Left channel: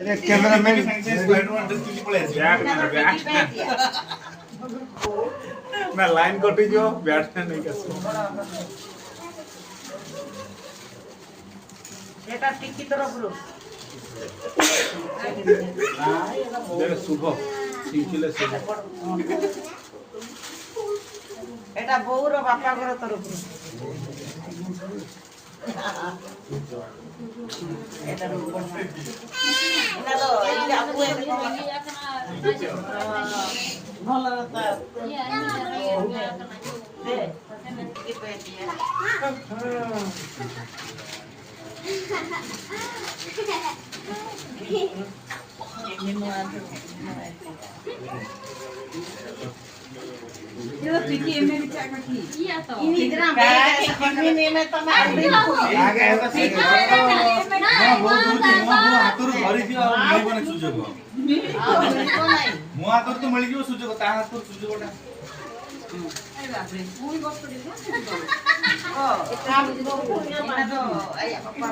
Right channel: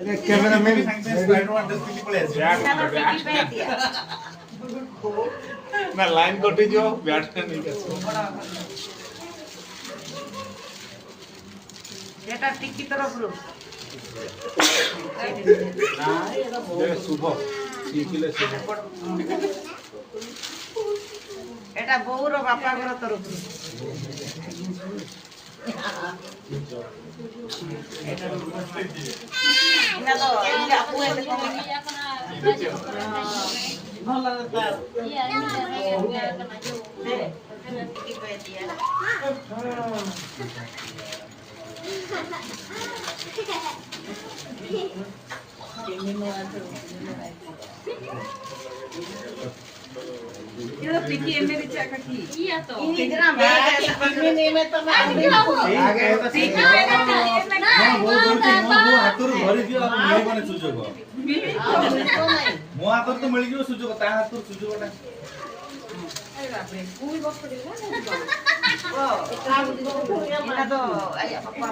cameraman ना line कटि जो बैट्समैन नहीं कर এটা টিকি তরফରୁ शुभ শিখিলে শুভ এটা বউর বাপা ঘর তরফରୁ এটা এটা তো এই আপু এটা কম ଭଲ ରତା দে কি কই দিয়া ये टिकी एमएरी चाका की iya to ini dram ini me to me मो हातहरु त मिलिଯିବ ସୁଯୋଗ ତା ହାତରୁ ସୁଯୋଗଟା पूरी बस कर ଓ এটা তো এই আপা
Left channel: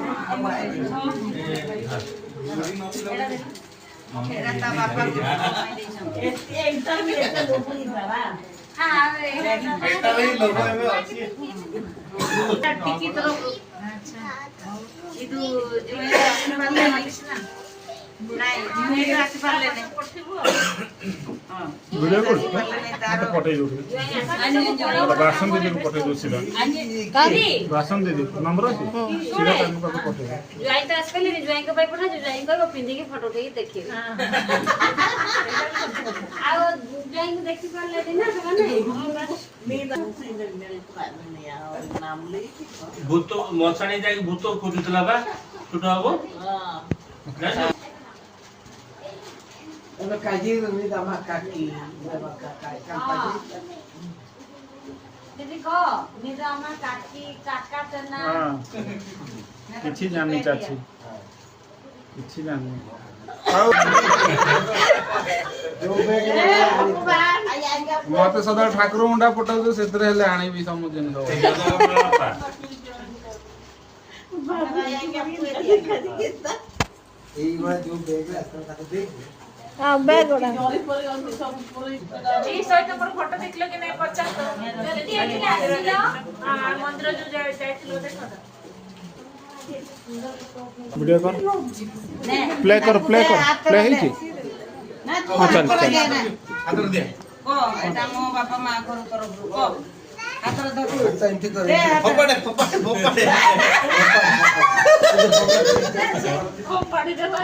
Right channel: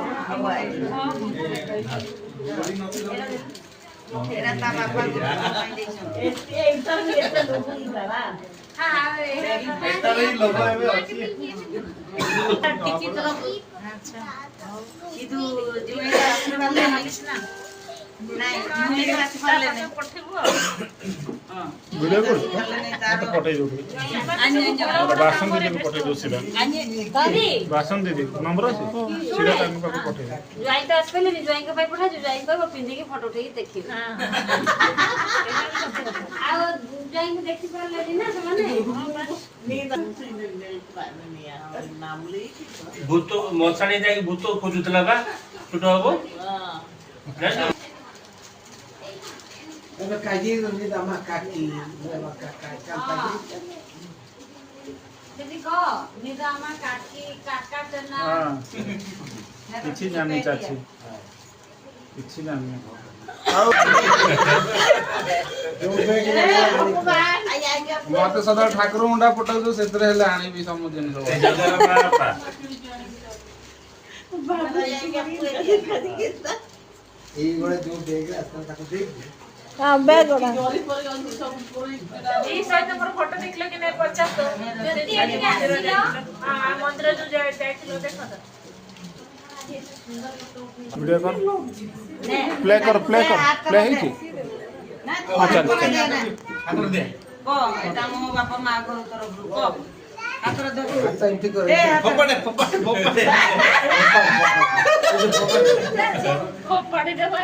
এটা তা বাপা এইটা আমি এটা লোক ইরা এটা ବି ଲୋକ ଏବେ ଅଛି টিকি তরফ আচ্ছা ಇದು ಜೀವನ আসলে ভালো লাগিস না নাই জীবনে আসি পারলে না হ্যাঁ ভিডিও করছ তার পঠাই দઉં বাসন দিদি পঠাই দઉં kadi বাসন দিদি নম্বর আছে সেটা আমি কাছে পঠাই join to asle ni join ko pai patha join ko pindi ki photo thei dekhi ଆଉ join ko ଦେଖି ପାରିଲେ ନା ସେମାନେ ଭୂତ ମଶାଣି ଯାଇକି ଭୂତ ଖୋଜୁଥିଲା ବା ଛୋଟ ହବ अब काजी नि दमा काकी दमा काका काकी ଯଦି କହ ନିଦା ଆମ କାକି କାକା ଚନା କିଛି ଜାଣି ଚାଛି କିଛି ଜାଣି मत सदा ठाकुर मुंडा पटाऊ से हेले आनिबी सब जिनिस ସେ ଜାଗାର ମା ବାପା এই বড় जो बैग रास्ता तक देख এই সাইডে মোর ফটো দেখলে কি নাই পচাস তো যদি এদিকে আসিল মন্দির যে যাইছিল দেখো ভিডিও কর প্লে কর প্লে ହେଇଛି না চল চল ହାତର ଦେ কো এটা মো বাপা মা ঘর তরফରୁ কো হাতর ধর एंट्री कर দে ଫୋପାଡେ ଫୋପାଡେ ଫୋପାଡେ খুব পাড়ি দেবা